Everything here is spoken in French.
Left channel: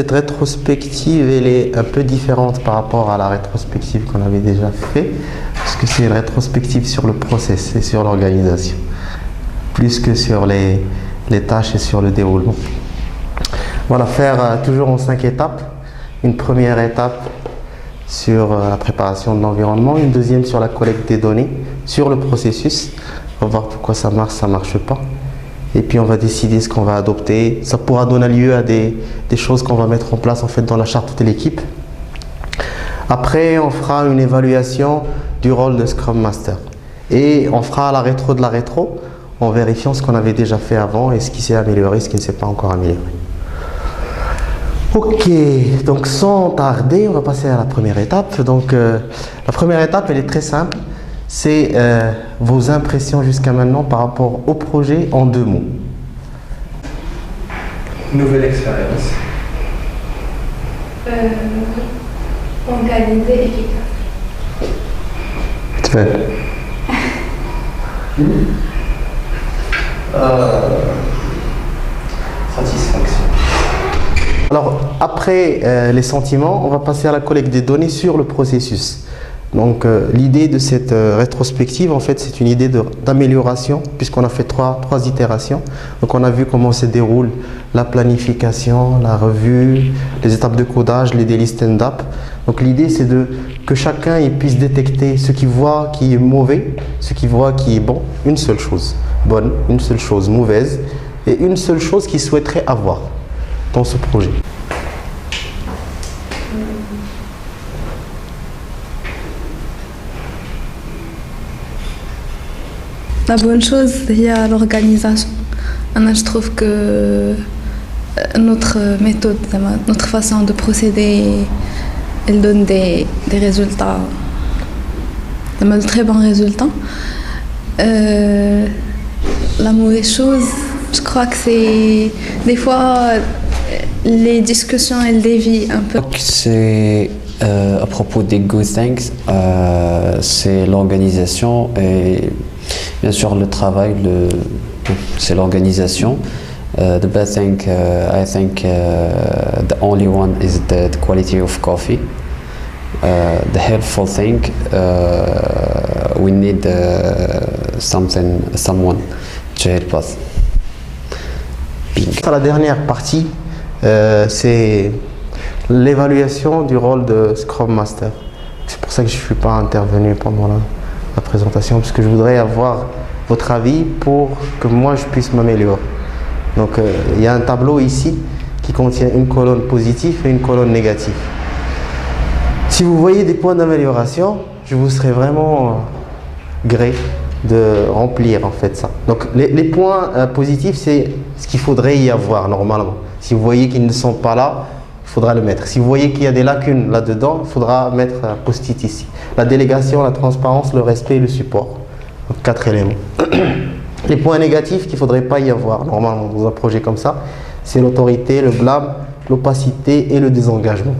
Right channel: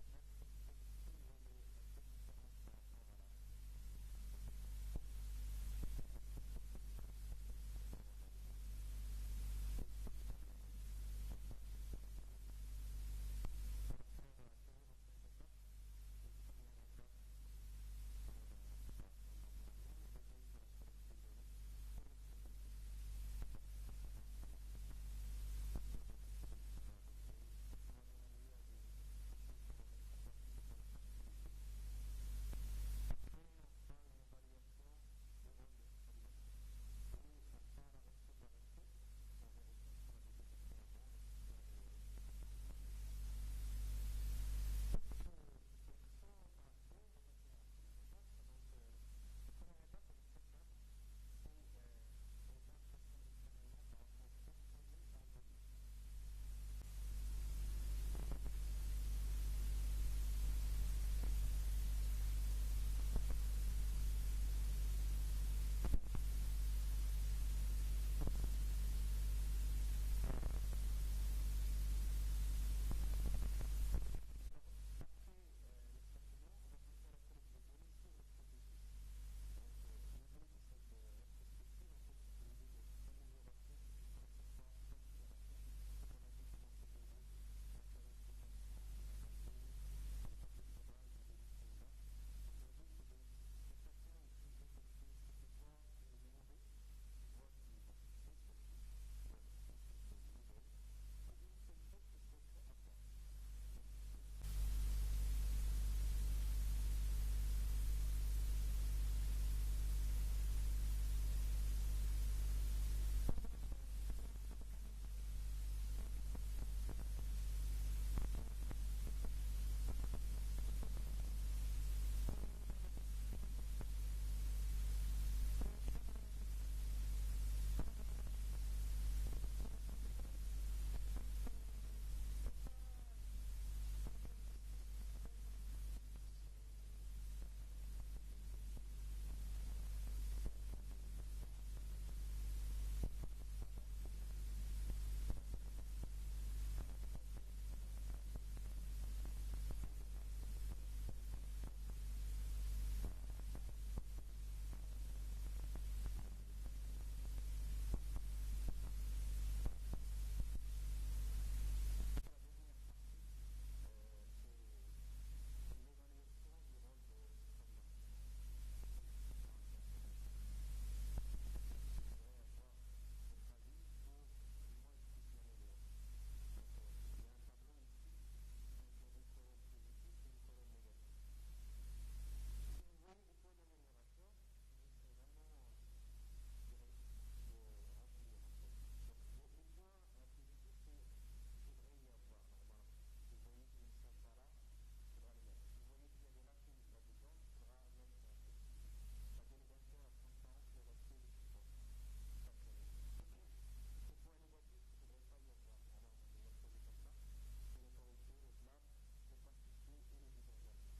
cette rétrospective, elle est un peu différente par rapport à la rétrospective qu'on avait déjà fait, parce que c'est une rétrospective sur le process et sur l'organisation, plus que sur les tâches et sur le déroulement. Voilà, faire toujours en 5 étapes. Une première étape sur la préparation de l'environnement, une deuxième sur la collecte des données, sur le processus, on va voir pourquoi ça marche pas. Et puis on va décider ce qu'on va adopter. Ça pourra donner lieu à des choses qu'on va mettre en place en fait dans la charte de l'équipe. Après, on fera une évaluation du rôle de Scrum Master. Et on fera la rétro de la rétro en vérifiant ce qu'on avait déjà fait avant et ce qui s'est amélioré, ce qui ne s'est pas encore amélioré. Ok, donc sans tarder, on va passer à la première étape. Donc la première étape, elle est très simple. C'est vos impressions jusqu'à maintenant par rapport au projet en 2 mots. Nouvelle expérience. Organisé, efficace. Tu fais. Satisfaction. Alors après les sentiments, on va passer à la collecte des données sur le processus. Donc l'idée de cette rétrospective, en fait, c'est une idée d'amélioration, puisqu'on a fait trois itérations. Donc on a vu comment se déroule la planification, la revue, les étapes de codage, les daily stand-up. Donc l'idée, c'est que chacun il puisse détecter ce qu'il voit qui est mauvais, ce qu'il voit qui est bon, une seule chose bonne, une seule chose mauvaise, et une seule chose qu'il souhaiterait avoir dans ce projet. La bonne chose, il y a l'organisation. Je trouve que notre méthode, notre façon de procéder, elle donne des résultats, de très bons résultats. La mauvaise chose, je crois que c'est des fois les discussions, elles dévient un peu. C'est à propos des good things, c'est l'organisation et bien sûr le travail, c'est l'organisation. The bad thing, I think, the only one is the quality of coffee. The helpful thing, we need someone to help us. La dernière partie, c'est l'évaluation du rôle de Scrum Master. C'est pour ça que je ne suis pas intervenu pendant la présentation, parce que je voudrais avoir votre avis pour que moi je puisse m'améliorer. Donc il y a un tableau ici qui contient une colonne positive et une colonne négative. Si vous voyez des points d'amélioration, je vous serais vraiment gré de remplir en fait ça. Donc les points positifs, c'est ce qu'il faudrait y avoir normalement. Si vous voyez qu'ils ne sont pas là, il faudra le mettre. Si vous voyez qu'il y a des lacunes là-dedans, il faudra mettre un post-it ici. La délégation, la transparence, le respect et le support. Donc 4 éléments. Les points négatifs qu'il ne faudrait pas y avoir normalement dans un projet comme ça, c'est l'autorité, le blâme, l'opacité et le désengagement.